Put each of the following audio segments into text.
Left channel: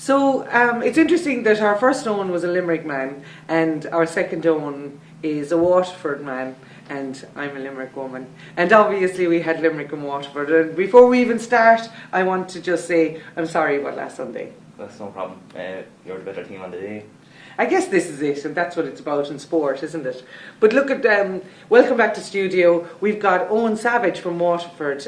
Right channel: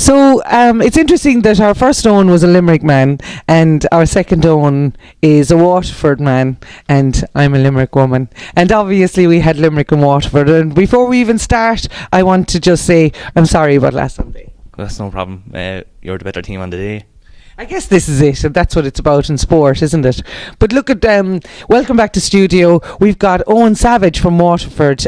So it's interesting that our first Owen was a Limerick man and our second Owen is a Waterford man and I'm a Limerick woman. And obviously we had Limerick and Waterford. And before we even start, I want to just say I'm sorry about last Sunday. That's no problem. You're the better team on the day. I guess this is it, and that's what it's about in sport, isn't it? But look at welcome back to studio. We've got Owen Savage from Waterford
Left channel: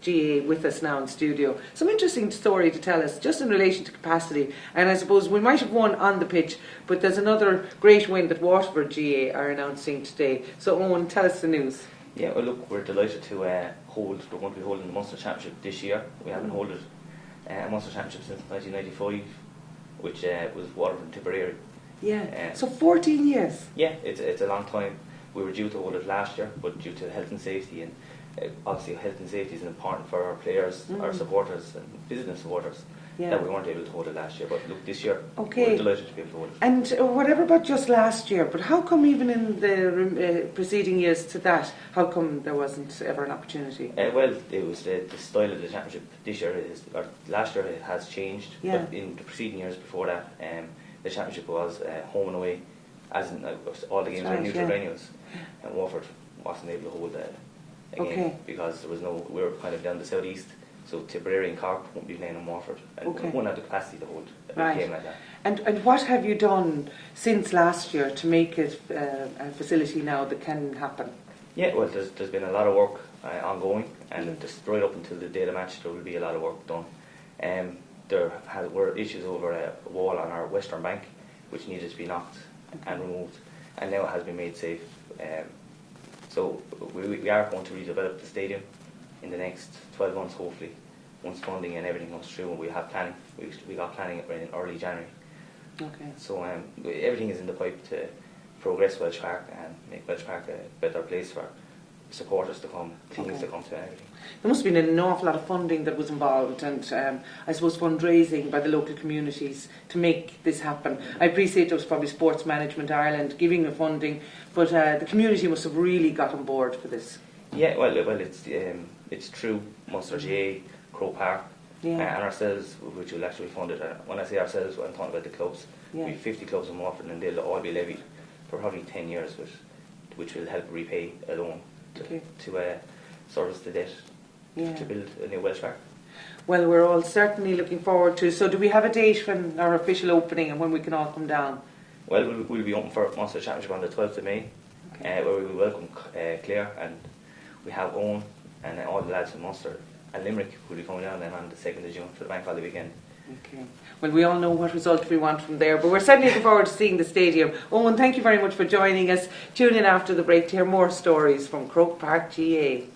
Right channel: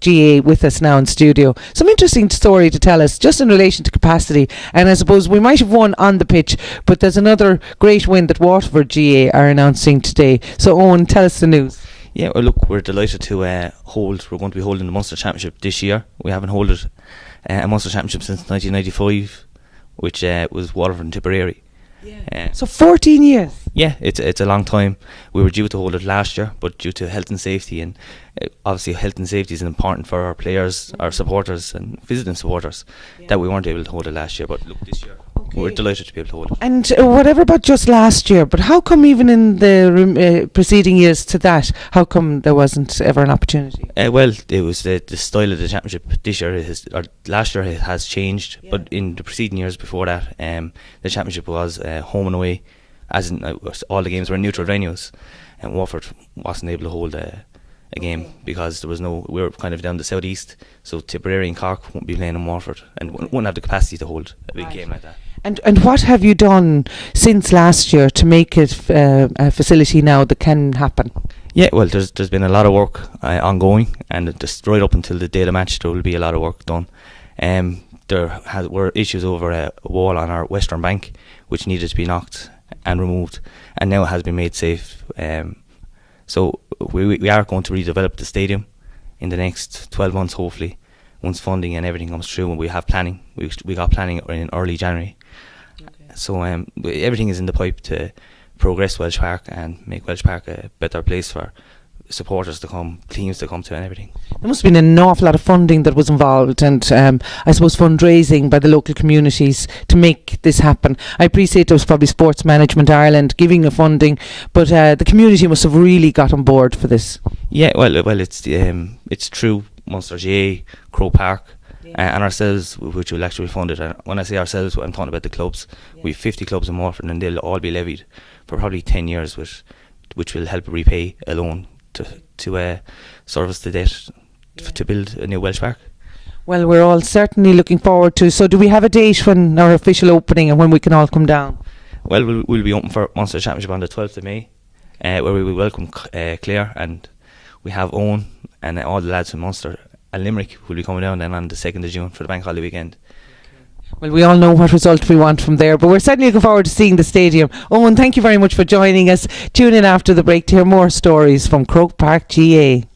GA with us now in studio. Some interesting story to tell us, just in relation to capacity. And I suppose we might have won on the pitch, but there's another great win that Waterford GA are announcing today. So Owen, tell us the news. Yeah, well, look, we're delighted to we're going to be holding the Munster Championship this year. We haven't held a Munster Championship since 1995. Which was Waterford and Tipperary. Yeah. So 14 years. Yeah, it's a long time. We were due to hold it last year, but due to health and safety, and obviously health and safety is important for our players, our supporters, and visiting supporters, that we weren't able to hold it last year. But look, this year we're delighted to be able to hold it. And whatever about just last year, but how come even in the preceding years to that, how come there wasn't ever an opportunity? Well, it was the style of the championship this year, last year it has changed, but in the preceding years before that, the championship was home and away, as in all the games were neutral venues, and Waterford wasn't able to hold a game because there was we were kind of down the southeast, so Tipperary and Cork won't be playing in Waterford and wouldn't have the capacity to hold a big game like that. And what have you done since last year to make it a facility now that can happen? Yeah, well, there's been a lot of work ongoing, and just right up until the day of the match there will be a lot of work done. There were issues over a wall on our western bank which needed to be knocked and removed, and now it has been made safe. So we are going to redevelop the stadium in the next 12 months, hopefully, once funding and everything comes through, and we have planning. We got planning in early January. So everything is in the pipe to progress Welsh Park and make Welsh Park a better place for supporters to come, teams to come to, and everything. There must have been an awful lot of funding that was involved, and I suppose fundraising by the local communities to make this happen. I appreciate there was probably Sports Management Ireland giving the funding, but the community must have really got on board for this. Yeah, well, it's true. Munster GA, Croke Park, and ourselves, which will actually be funded. And when I say ourselves, I'm talking about the clubs. We have 50 clubs in Waterford, and they'll all be levied for probably 10 years, which will help repay a loan to service the debt to build a new Welsh Park. Well, we're all certainly looking forward to. So do we have a date when our official opening and when we can all come down? Well, we'll be open for Munster Championship on the 12th of May, where we will welcome Clare, and we have Owen and all the lads from Munster and Limerick will be coming down then on the 2nd of June for the bank holiday weekend. Well, we all know what result we want from there, but we're certainly looking forward to seeing the stadium. Owen, thank you very much for joining us. Tune in after the break to hear more stories from Croke Park GA.